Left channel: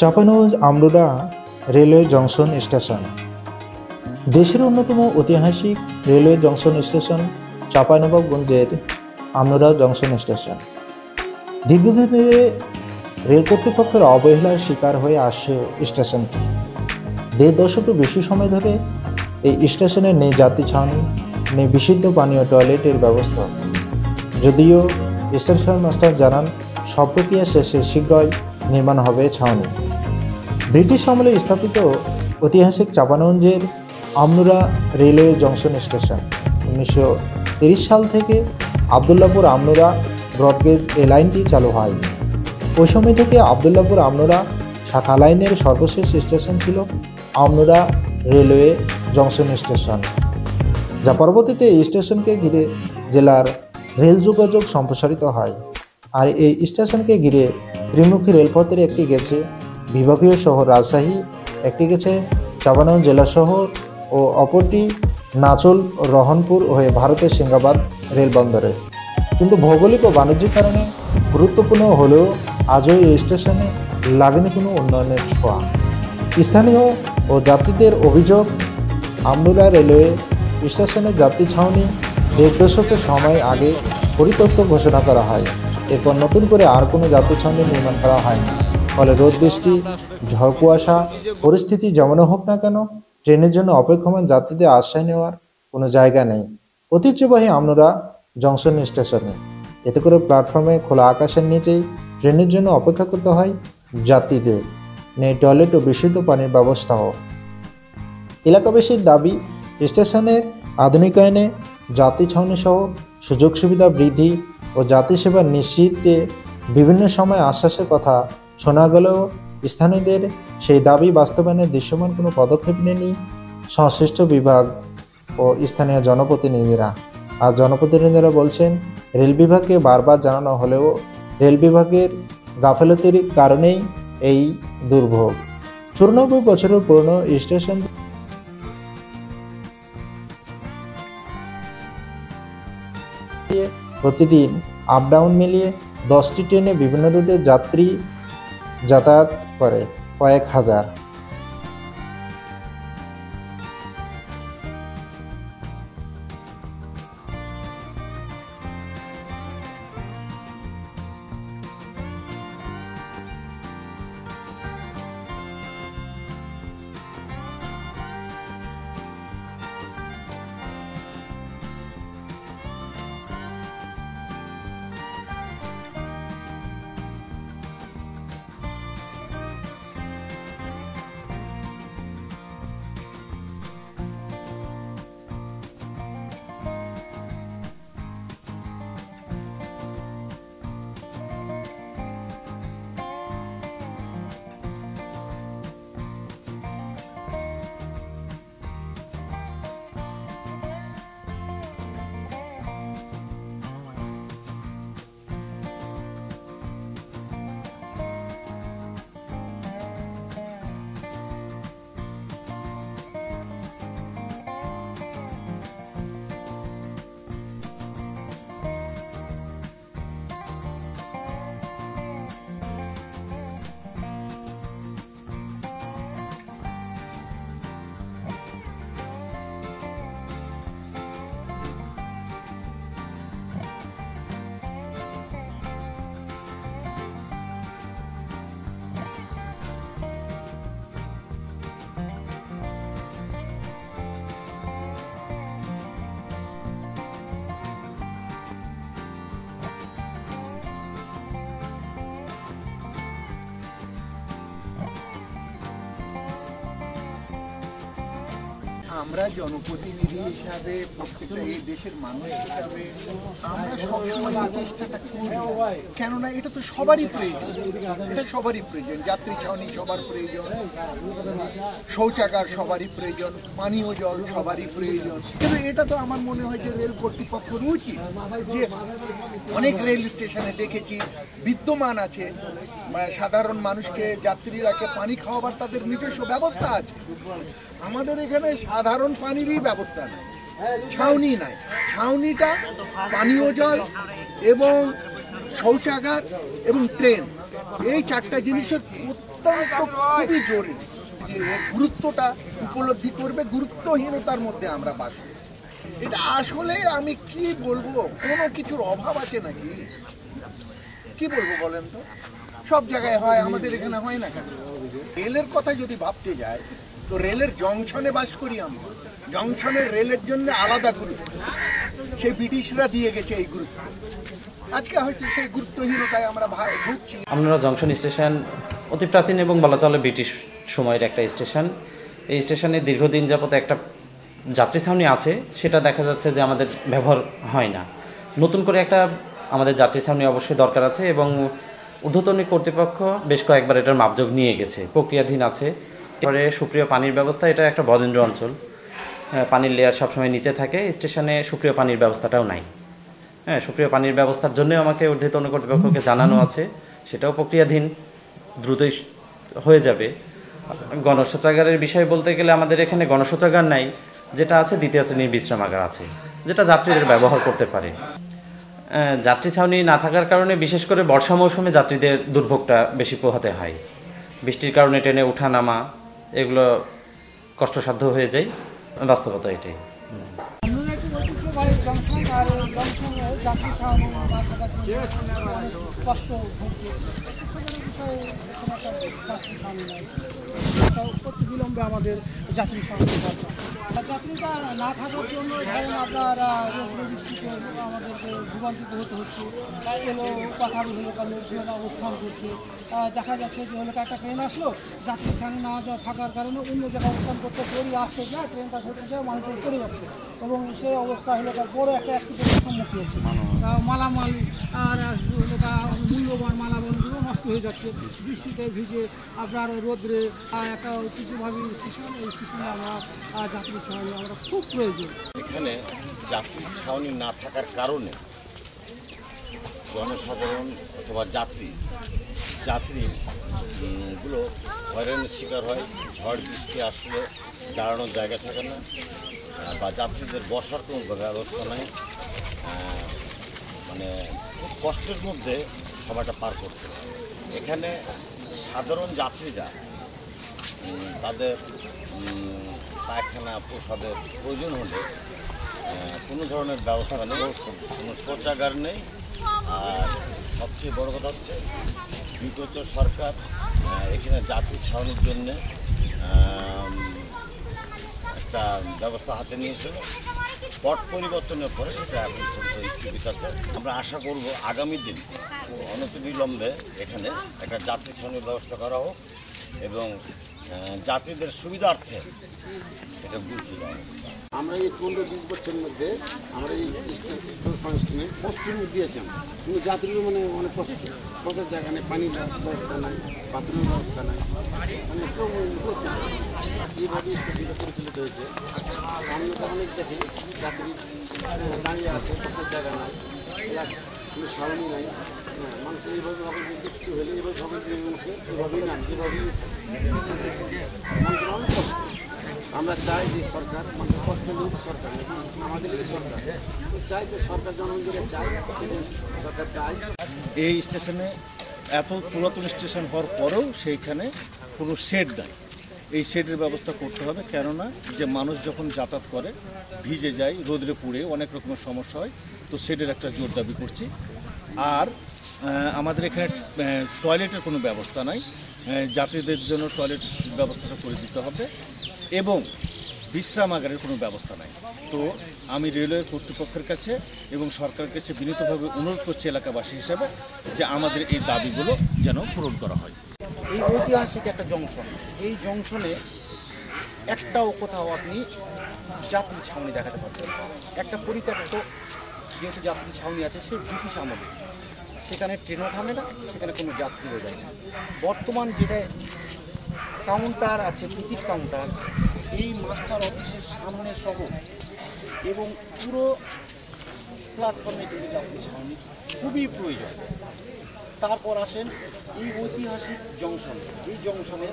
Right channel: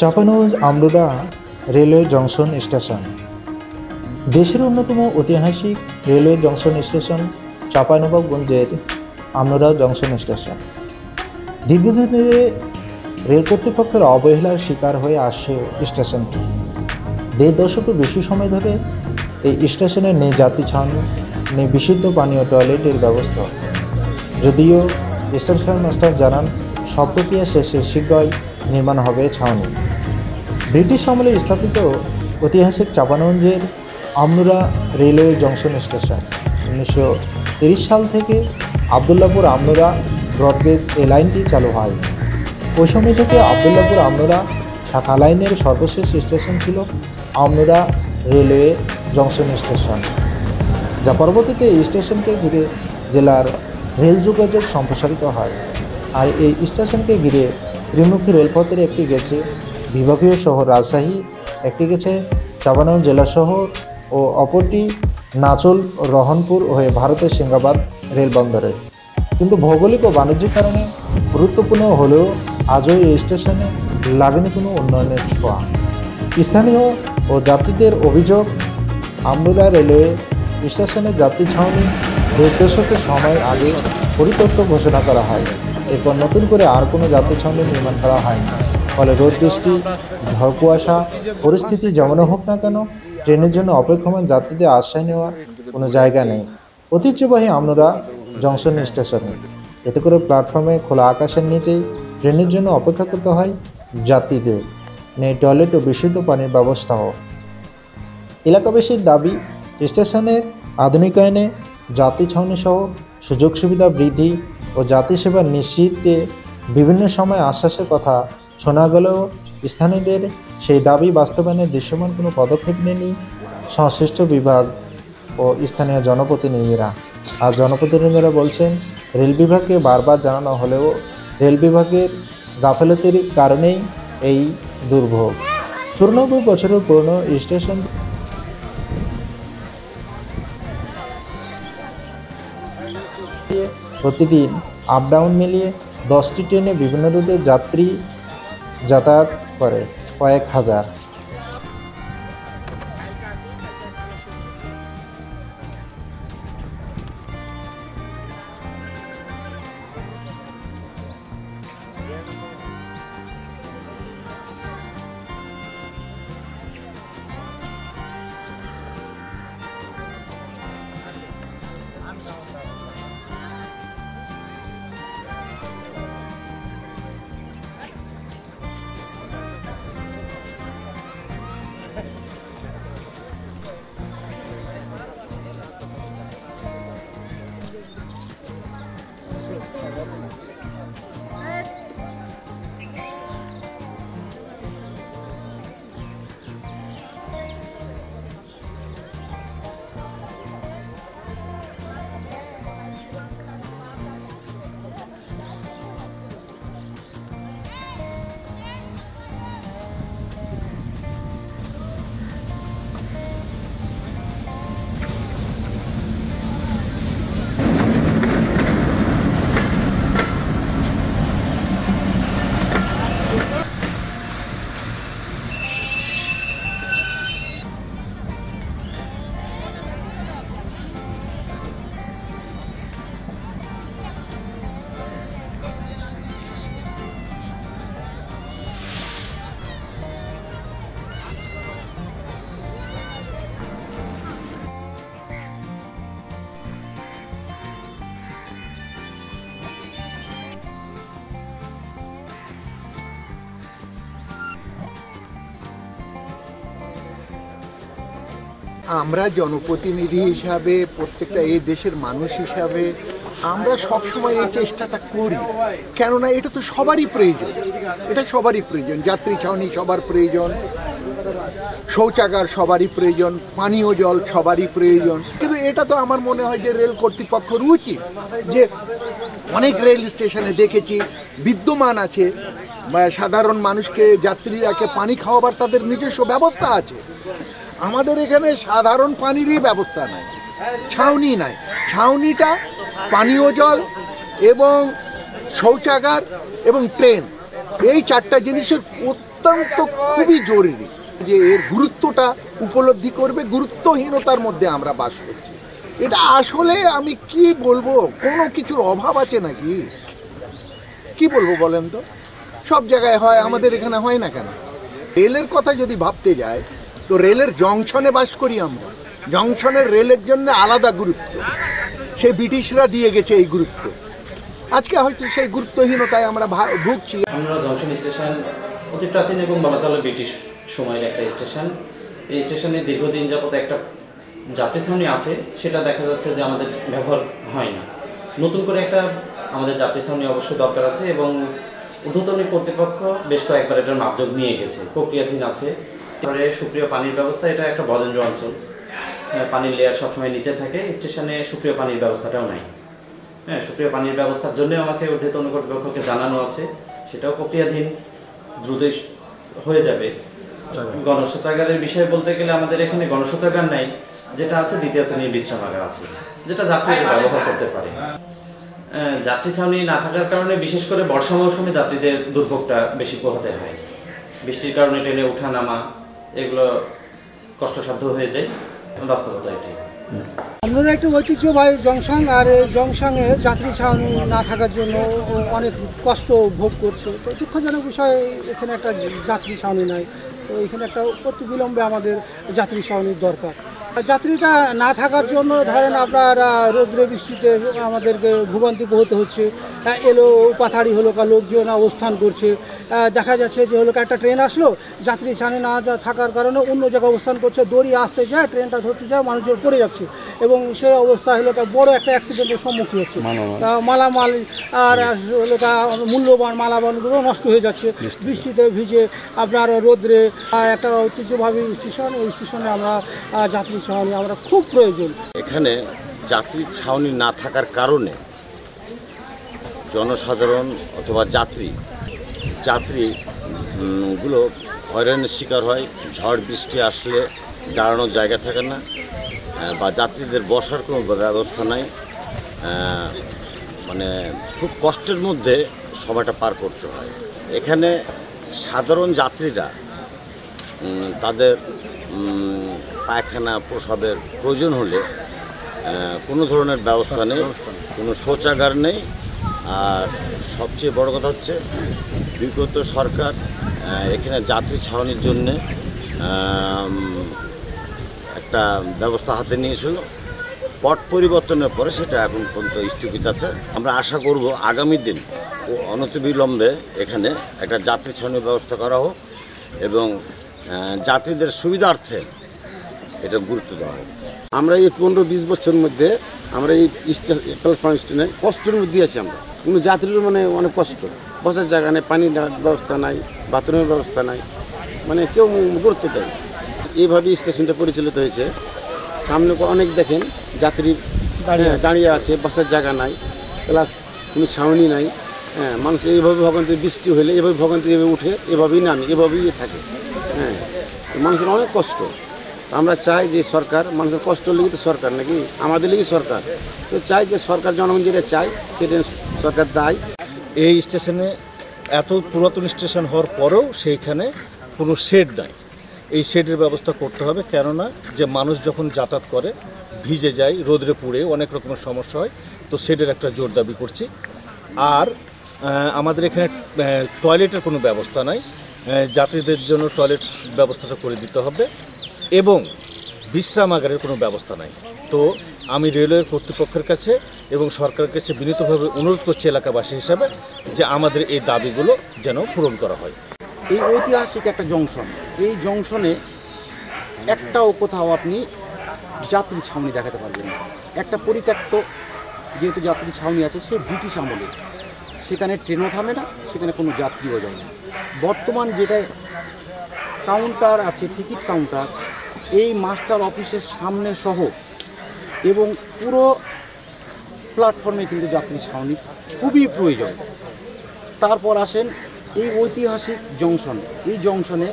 Chapainawabganj আমরুরা railway junction station দেশের অন্যতম ঐতিহাসিক রেলওয়ে জংশন স্টেশন চাঁপাইনবাবগঞ্জের আমরুরা জংশন স্টেশন দীর্ঘদিন ধরে রেল কর্তৃপক্ষের অবহেলার শিকার হয়ে আসছে স্টেশনটি। ১.৫ দশকের বেশি সময় ধরে এই স্টেশনে নেই যাত্রী ছাউনি, নেই বিশুদ্ধ পানীয় টয়লেটের ব্যবস্থা। যদিও স্টেশন মাস্টার জানান সব প্রক্রিয়া শেষে শীঘ্রই নির্মাণ হবে ছাউনি। ব্রিটিশ আমলে স্থাপিত ঐতিহাসিক চাঁপাইনবাবগঞ্জের আমরুরা রেলওয়ে জংশন স্টেশন 1930 সাল থেকে আবদুল্লাপুর আমরুরা ব্রডগেজ এই লাইনটি চালু হয়। ওই সময় থেকে আবদুল্লাপুর আমরুরা শাখা লাইনের সর্বশেষ স্টেশন ছিল আমরুরা রেলওয়ে জংশন স্টেশন, যা পরবর্তীতে এই স্টেশনকে ঘিরে জেলার রেল যোগাযোগ সম্প্রসারিত হয়। আর এই স্টেশনকে ঘিরে ত্রিমুখী রেলপথের একটি গেছে বিভাগীয় শহর রাজশাহী, একটি গেছে চাঁপাইনবাবগঞ্জ জেলা শহর ও অপরটি নাচল রহনপুর হয়ে ভারতের সিংগাবাদ রেলবন্দরে। কিন্তু ভৌগোলিক ও বাণিজ্যিক কারণে গুরুত্বপূর্ণ হলেও আজও এই স্টেশনে লাগেনি কোনো উন্নয়নের ছোঁয়া। স্থানীয় ও যাত্রীদের অভিযোগ, আমরুরা রেলওয়ে স্টেশনের যাত্রী ছাউনি ১.৫ দশকের সময় আগে পরিত্যক্ত ঘোষণা করা হয়। এরপর নতুন করে আর কোনো যাত্রী ছাউনি নির্মাণ করা হয়নি। ফলে রোদ বৃষ্টি ঝড় কুয়াশা পরিস্থিতি যেমন হোক না কেন, ট্রেনের জন্য অপেক্ষমান যাত্রীদের আশ্রয় নেওয়ার কোনো জায়গা নেই ঐতিহ্যবাহী আমরুরা জংশন স্টেশনে। এতে করে প্ল্যাটফর্মে খোলা আকাশের নিচেই ট্রেনের জন্য অপেক্ষা করতে হয় যাত্রীদের। নেই টয়লেট ও বিশুদ্ধ পানির ব্যবস্থাও। এলাকাবাসীর দাবি, স্টেশনের আধুনিকায়নে, যাত্রী ছাউনি সহ সুযোগ সুবিধা বৃদ্ধি ও যাত্রী সেবা নিশ্চিতে বিভিন্ন সময় আশ্বাসের কথা শোনা গেলেও স্থানীয়দের সেই দাবি বাস্তবায়নে দৃশ্যমান কোনো পদক্ষেপ নেয়নি সংশ্লিষ্ট বিভাগ ও স্থানীয় জনপ্রতিনিধিরা। আর জনপ্রতিনিধিরা বলছেন, রেল বিভাগকে বারবার জানানো হলেও রেল বিভাগের গাফেলতির কারণেই এই দুর্ভোগ। ৯৪ বছরের পুরনো স্টেশন প্রতিদিন আপ ডাউন মিলিয়ে 10টি ট্রেনে বিভিন্ন রুটে যাত্রী যাতায়াত করে কয়েক হাজার। আমরা জনপ্রতিনিধি হিসাবে, প্রত্যেকটা এই দেশের মানুষ হিসাবে আমরা সবসময় এই চেষ্টাটা করি, কেননা এটা তো সবারই প্রয়োজন। এটা সবারই প্রয়োজন, যাত্রী ছাউনি সবার প্রয়োজন, শৌচাগার সবারই প্রয়োজন, পানীয় জল সবারই প্রয়োজন। কিন্তু এটা তো আমার মনে হয় যে রেল কর্তৃপক্ষের উচিত, যে অনেক রেল স্টেশনে দেখেছি বিদ্যমান আছে, সাধারণ মানুষকে যাত্রীরাকে পানি খাওয়াবার তাদের নিজস্ব ব্যবস্থা আছে। আমাদের এখানে সাধারণ পানিরই ব্যবস্থা নাই, ছাউনি নাই। ছাউনিটা পানীয় জল এবং শৌচাগার এবং ট্রেন এই চারটা জিনিসের অত্যন্ত খুবই জরুরি, যে এর গুরুত্বটা উপলব্ধি করবে। গুরুত্বহীনতার মধ্যে আমরা বাস করছি। এটা আসলে আমি কি বলবো, কোনো কিছুর অভাব আছে নাকি? কি বলবো বলেন তো? সব জায়গায় হয়, আমাদের এখানে হয় না কেন? রেলের কথা যদি ভাবতে যায়, তো রেলের জংশনে বাস করি আমরা। জংশনের রেলের জন্য আলাদা গুরুত্ব, সে ব্রিটিশরা দিয়ে গেছে এই গুরুত্ব। আজকে হয়তো সেই গুরুত্বহীনতায় আমরা ভুগছি। আমরা জংশন স্টেশন অতি প্রাচীন এবং বলা চলে ব্রিটিশ সময়ের একটা স্টেশন। এই স্টেশনে দীর্ঘদিন যাবত একটা যাত্রী ছাউনি আছে, সেটা দেখা যাচ্ছে যে আমাদের ব্যবহার হয় না। নতুন করে একটা আমাদের যাত্রী ছাউনি অবশ্যই দরকার আছে এবং ঊর্ধ্বতন কর্তৃপক্ষ বেশ কয়েকবার এটার মাপযোগ নিয়ে গেছে, প্রক্রিয়াধীন আছে। এবারে সুপ্রিয় পানির ব্যবস্থা, এটা একটা বরেন্দ্র অঞ্চল, পানির লেয়ার সবসময় নিচে থাকে। স্টেশনে সুপ্রিয় পানির ব্যবস্থাটাও নাই। হ্যাঁ, সুপ্রিয় পানির ব্যবস্থার জন্য আমাকে ঊর্ধ্বতন কর্তৃপক্ষকে জানানো আছে, সেটাও প্রক্রিয়াধীন, দ্রুতই হয়ে যাবে। গণশৌচাগারের বিষয়ে বলতে গেলে আমাদের এখানে গণশৌচাগার নাই, যেটা আছে দ্বিতীয় শ্রেণীর বিশ্রামাগার আছে, যেটা যাত্রীরা ব্যবহার করতে পারে। যাত্রী ছাউনি না থাকার কারণে বিশেষ করে বর্ষা মৌসুমে যাত্রীদের দুর্ভোগটা বেশি পোহাতে হয়। বৃষ্টির কারণে ট্রেনে ওঠা নামা এগুলো কষ্টসাধ্য হয়ে যায়, বাস্তবতা এটাই। আমরা একটা ঐতিহ্যবাহী জংশন, আর এই জংশনে যাত্রী ছাউনি না থাকার জন্য অনেক কষ্ট ভোগ করছে। তো দুঃখজনক বিষয়, এখানে একটা যাত্রী ছাউনি নাই। তো এখানে একটা অতি বিলম্বে আমাদের যাত্রী ছাউনির দরকার। যাত্রীটা না থাকার জন্য ধরেন আপনার রৌদ্র বৃষ্টিতে আমাদেরকে ভোগান্তি পোহাতে হচ্ছে। এলো পাথাড়ি হলো কা লোকজন অবস্থান করছে, দেখা যাচ্ছে যে হলো একটা ট্রেন আসলো, যাত্রী ছাউনি না থাকার কারণে অন্য জায়গায় অবস্থান করছে, দড়ি আসতে যায়, ট্রেনটা ধরতে যায়, মানুষজন পড়ে যাচ্ছে এবং সেই অবস্থা হলো বড় একটা অ্যাক্সিডেন্টের সম্মুখীন হচ্ছে। মালামাল আর হলো মূল্যবান মালামালগুলো নষ্ট হয়ে যাচ্ছে বৃষ্টিতে ভিজে। আপনার রোদ্রে একটা ঐতিহ্যবাহী স্টেশন, এই স্টেশনে আমরা যাত্রী ছাউনি আমরা খুব প্রয়োজন। এখানে যাত্রী ছাউনি না থাকার কারণে জনসাধারণ অথবা যাত্রীগুলো হয়রানির শিকার হয়। ঝড় বৃষ্টি আসলে দাঁড়ানোর জায়গা থাকে না, বা যাত্রীদের বসার কোনো ব্যবস্থা নাই। মানে খুব কষ্টের মধ্যে সময়টা পার করতে হয়। এখানে সাধারণ যাত্রীরা তাদের পায়খানা প্রসাবের প্রয়োজন হলে কোনো ধরনের ব্যবস্থা নেই, কোনো শৌচাগার নেই। আর সবচেয়ে বড় কথা হচ্ছে বিগত সরকার এখানে যাত্রী ছাউনির জন্যে একটা ব্যবস্থা হাতে নিয়েছিল। পট পরিবর্তনের পরে সেটা এখন পর্যন্ত স্থগিত আছে। আমরা আশা করব আগামী দিন অনতিবিলম্বে এখানে একটা যাত্রী ছাউনির ব্যবস্থা করা হোক এবং যাত্রীদের সুবিধার্থে এটা গুরুত্ব দেওয়া হোক। আমরা এই 15-20 বছরের মধ্যে আমরা এই প্ল্যাটফর্ম স্টেশনে কষ্টের মধ্যে আছি। আমরা কোনো যাত্রীরও মানে অনেক কষ্ট, বসার জায়গা নেই, পানির ব্যবস্থা নাই, বাথরুমের ব্যবস্থা নাই, মানে কেউ গুরুত্ব দেয়। এইভাবেই স্টেশনটা পরিচালিত হয়েছে। সামনে অনেক দেখেন যাত্রী দাঁড়িয়ে আছে, বসার জায়গা নাই, প্লাস কোনো ছাউনি নাই। হ্যাঁ, মানুষ এইভাবে ভোগান্তি, বৃষ্টি হলে এভাবে ভোগান্তি এভাবে উঠে, এভাবেই নামে, এভাবেই থাকে। হ্যাঁ, মানুষের অনেক কষ্ট। আমরা চাই যে সরকার, মানুষের কষ্ট লেগে তো সরকার নাকি, আমাদের লেগে সরকার, তো চাই যে সরকার জনগণ যেটা চাই সেটা সরকার দেয়। এই স্টেশনে এত পুরাতন স্টেশন হওয়ার পরেও সেইখানে কোনো শেড নাই। এই শেডের ব্যবস্থা করতে হবে, কেননা যে মানুষ যখন যাতায়াত করে ভিজে যায়, রোদরে পুড়ে অনেক রকমের সমস্যা হয়। তো শেডের একটা জোর দাবি করছি। আর আমাদের এখানে টয়লেটের কোনো ব্যবস্থা নাই, যাত্রীদের জন্য টয়লেট ব্যবস্থাটা করে দিতে হবে এবং বিশ্রামাগারের কোনো ব্যবস্থা নাই। তো আমি রেলওয়ের কর্তৃপক্ষের কাছে এবং সরকারের কাছে বিনীতভাবে অনুরোধ করছি এলাকাবাসী হিসাবে যে আমাদের এই দাবিগুলো যেন পূরণ করা হয়। এই ঐতিহাসিক একটা জংশন, এই জংশনে একটাও কোথাও আপনি যাত্রী ছাউনি দেখাতে পারবেন না। একটা পরিত্যক্ত যেহেতু যাত্রী ছাউনি আছে, সে ব্রিটিশ আমলে, সেখানে ট্রেনও থামে না, সেখানে কোনো যাত্রীও যায় না। বর্তমান যেটা কাউন্টার আছে, টিকিট কাউন্টার, এই মাস্টার অফিসের সামনে সহ এবং পুরো প্ল্যাটফর্মে কিন্তু যাত্রী ছাউনি খুবই প্রয়োজন। তারপর আসেন এই ঐতিহাসিক জংশন। এই জংশনে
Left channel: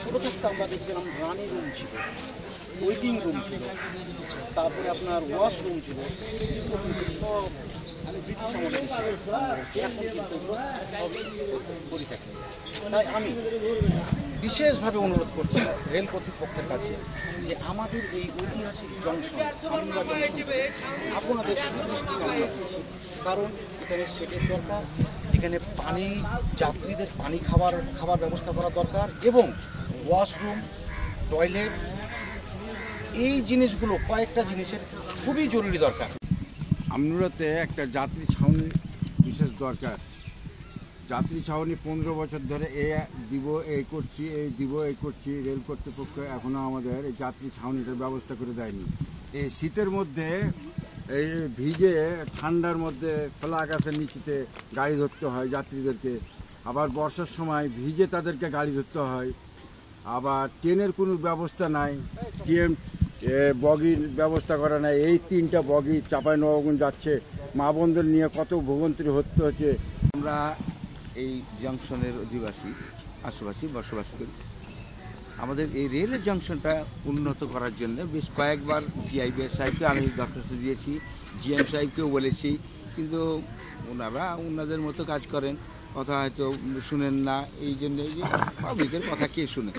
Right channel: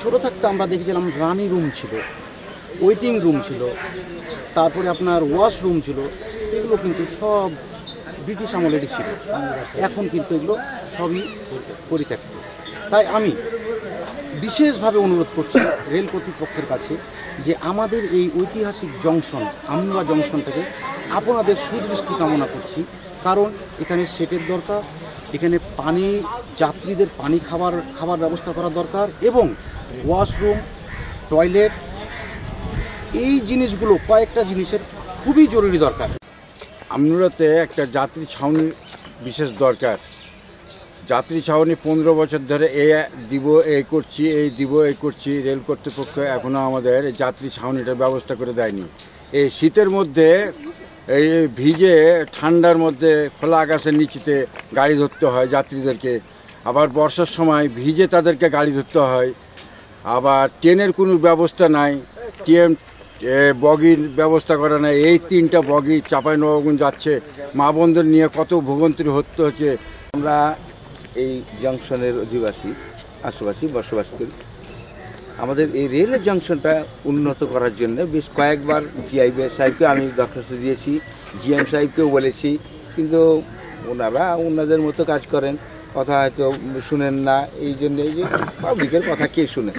ছোটো থাকতে আমরা দেখেছিলাম রানি রুম ছিল, ওয়েটিং রুম ছিল, তারপরে আপনার ওয়াশরুম ছিল, এগুলো কিন্তু সব ব্রিটিশ আমলেরই ছিল। এখন কিন্তু এগুলো সবই পরিত্যক্ত। তাই আমি বিশেষভাবে অনুরোধ করছি রেল কর্তৃপক্ষের কাছে যে আমাদের এই ঐতিহাসিক জংশন আমনুরা জংশনটাকে আপনাদের সুদৃষ্টি কামনা করছি, কারণ এখানে সেটের দরকার, এখানে পানি যাত্রীদের পানি খাবার ব্যবস্থা করা দরকার, এবং ওয়াশরুম, টয়লেট, এই জিনিসগুলো কয়েকটা জিনিসের খুবই জরুরি দরকার। আমনুরাতে একটা যাত্রী ছাউনি বিশেষ দরকার। যাত্রী ছাউনি 15 বছর ধরে এই করছি, রেল কর্তৃপক্ষ এখনও আমাদের যাত্রী ছাউনিটার ব্যবস্থা করে দেয়নি। এই শীতের মধ্যে এই ভিজে ঠান্ডার মধ্যে খোলা আকাশের নিচেতে গাড়ি ধরতে হয় যাত্রীদেরকে, আবার বর্ষার সময় ভিজে তাদেরকে গাড়ি ধরতে হয়। আবার ট্রেনের কোনো ব্যবস্থা নাই, ট্রেন বগির ব্যবস্থা করা নাই। এই 3টা বগি চাঁপাইনবাবগঞ্জ যাচ্ছে, মা বোনদের নিয়ে কত ভোগান্তি হচ্ছে। আমরা এই জংশনের আশেপাশে বসবাস করি। আমাদের এই রেলের জংশনটা উন্নত করার জন্য বেশ কয়েকবার জিআইবি সাহেবকে আমি দরখাস্ত দিয়েছি, জিএম সাহেবকেও বলেছি, কিন্তু ওনাদের মতো কাজ করেন, কথা হয়তো শুনেন না। এই জন্য এই যে পাবলিকের কথা কে শুনে।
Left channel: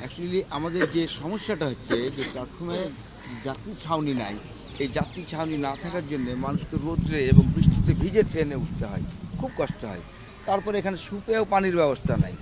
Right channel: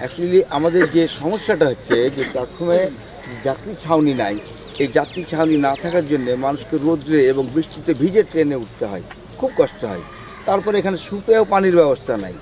অ্যাকচুয়ালি আমাদের যে সমস্যাটা হচ্ছে যে প্ল্যাটফর্মে যাত্রী ছাউনি নাই। এই যাত্রী ছাউনি না থাকার জন্য মানুষকে রোদ্রে এবং বৃষ্টিতে ভিজে ট্রেনে উঠতে হয়, খুব কষ্ট হয়। তারপরে এখানে সুপেয় পানির ব্যবস্থা নাই,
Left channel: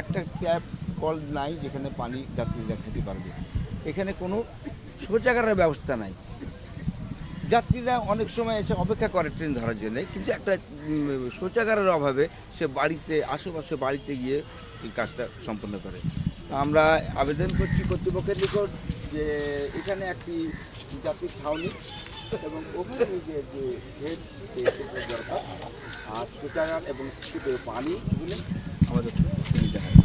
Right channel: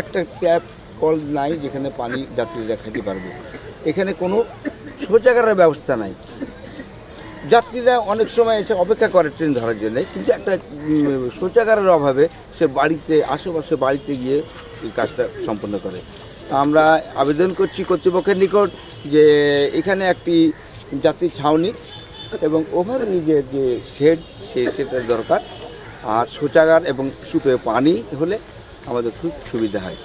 একটা ট্যাপ কল নাই যেখানে পানি যাত্রীরা খেতে পারবে। এখানে কোনো শৌচাগারের ব্যবস্থা নাই। যাত্রীরা অনেক সময় এসে অপেক্ষা করে ট্রেন ধরার জন্য, কিন্তু একটা শৌচাগারের অভাবে সে আশেপাশে বাড়িতে গিয়ে এই কাজটা সম্পন্ন করে। আমরা আবেদন করছি কর্তৃপক্ষের নিকট যে এখানে একটি যাত্রী ছাউনি এবং ওভারব্রিজের যে সেটার দরকার, আর শৌচাগার এবং সুপেয় পানি হলে আমাদের খুব সুবিধা হয়।